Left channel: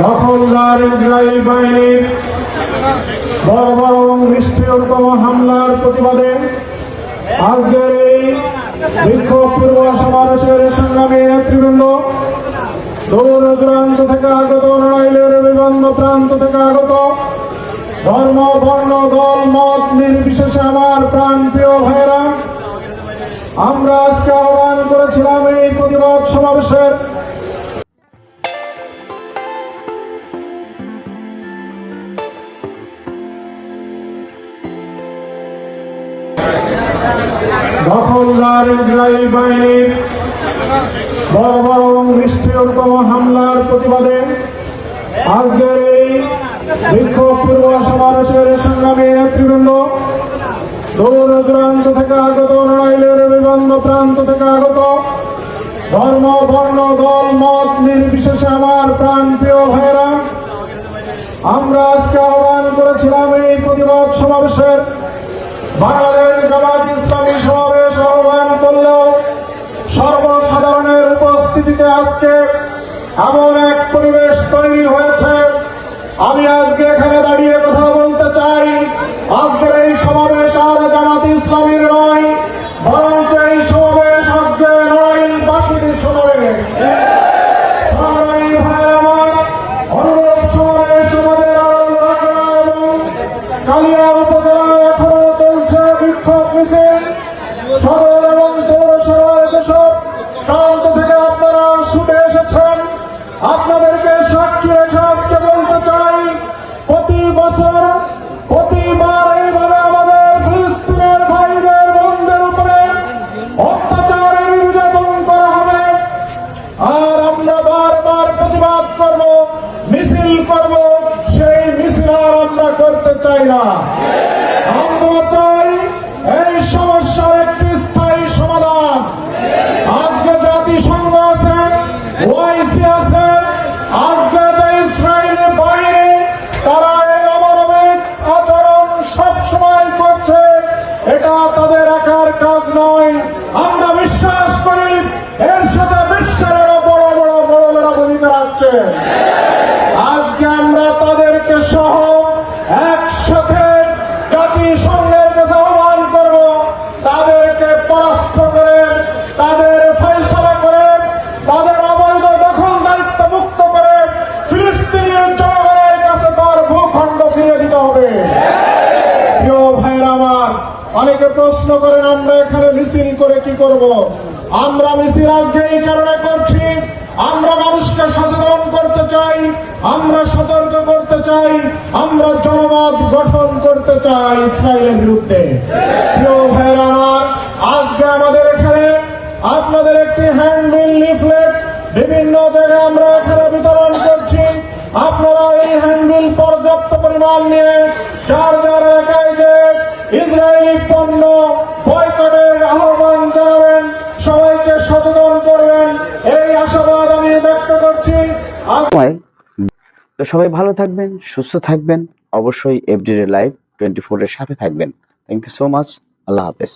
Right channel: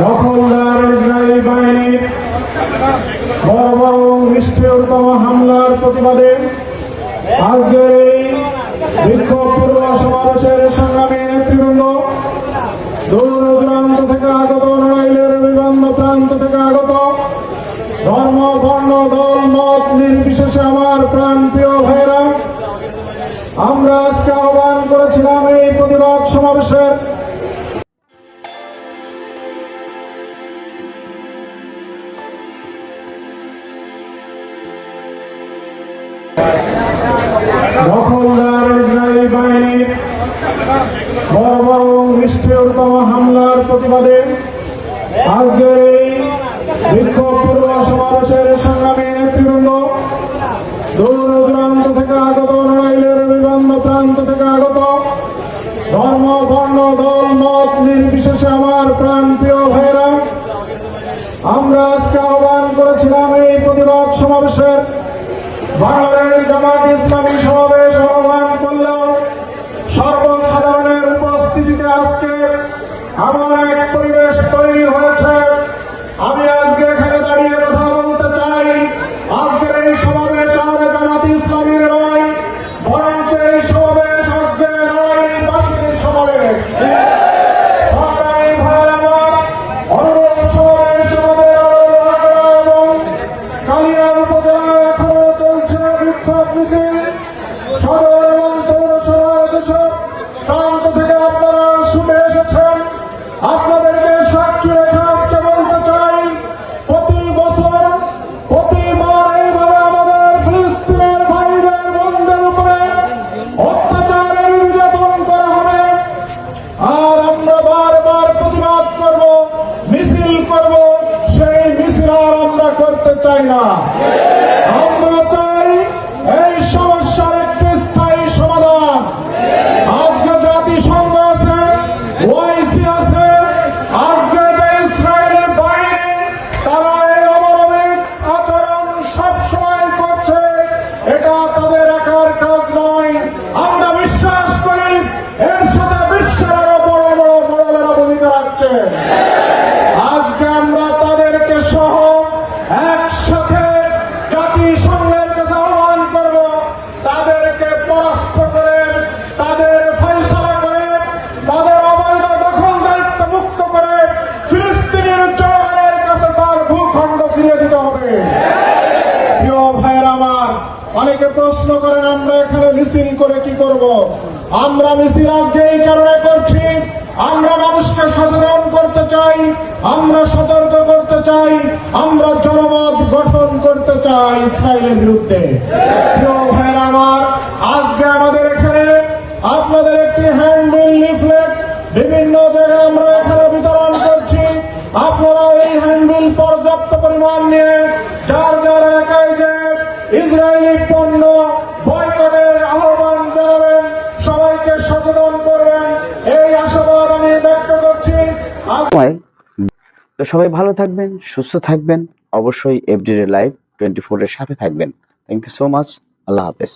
দখলদার ইসরায়েল বাহিনীর বর্বর এবং নিষ্ঠুরতম হামলার প্রতিবাদে আজকের এই বিক্ষোভ পূর্ব সমাবেশের সংগ্রামী নেতৃবৃন্দ, দূর দূরান্ত থেকে আগত লড়াইলের বিভিন্ন প্রান্ত থেকে আগত, ধর্ম, বর্ণ, দল, মত, নির্বিশেষে আমার প্রাণ প্রিয় ভাইরা আমরা আজকে আহ্বান করেছিলাম এই প্রতিবাদ সমাবেশের দখলদার ইসরায়েল বাহিনীর বর্বর এবং নিষ্ঠুরতম হামলার প্রতিবাদে আজকের এই বিক্ষোভ পূর্ব সমাবেশের সংগ্রামী নেতৃবৃন্দ, দূর দূরান্ত থেকে আগত লড়াইলের বিভিন্ন প্রান্ত থেকে আগত, ধর্ম, বর্ণ, দল, মত নির্বিশেষে আমার প্রাণ প্রিয় ভাইরা আমরা আজকে আহ্বান করেছিলাম এই প্রতিবাদ সমাবেশের বাংলাদেশ জামাত ইসলামী সমাবেশ করল সর্বসাধারণের উপস্থিতিতে আজকে এমন এক পরিবেশ আপনাদেরকে সাক্ষী রেখে আজকে বলতে চাই, প্রতি বছর, প্রতিবার এইভাবে আমাদের ফিলিস্তিনের ভাইদের বন্ধের উপরে অত্যাচার নির্যাতন করা হবে। আর আমরা বারবার প্রতিবাদ করব, মিছিল করব, সেই মিছিল আর আমরা করতে চাই না। কাজ নয় অনেকে প্রশ্ন করেন, আমরা এখানে মিছিল করে কি করব? আমরা মিছিল আজকে এই কারণে করছি, আমরা মানুষকে সচেতন করতে চাই, আমরা সতর্ক করতে চাই, আমরা জনমত গঠন করতে চাই ইসরায়েলের বিরুদ্ধে। আমার, আজকে আমাদের এখানে আপনাদের একটি হ্যান্ডবিল লিফলেট বিভিন্ন জায়গায় আমরা এখানে বিতরণ করছি। আপনারা এই হ্যান্ডবিল পর্যাপ্ত পরিমাণ নিয়ে, যার যার এলাকায় যে ইসরায়েলি তো সবাই ভালো থাকবেন, সুস্থ থাকবেন, অবশ্যই এফডিডে লাইভ টোয়েন্টি ফোরের সাথে থাকবেন। থ্যাংক ইউ সো মাচ আল্লাহ হাফেজ।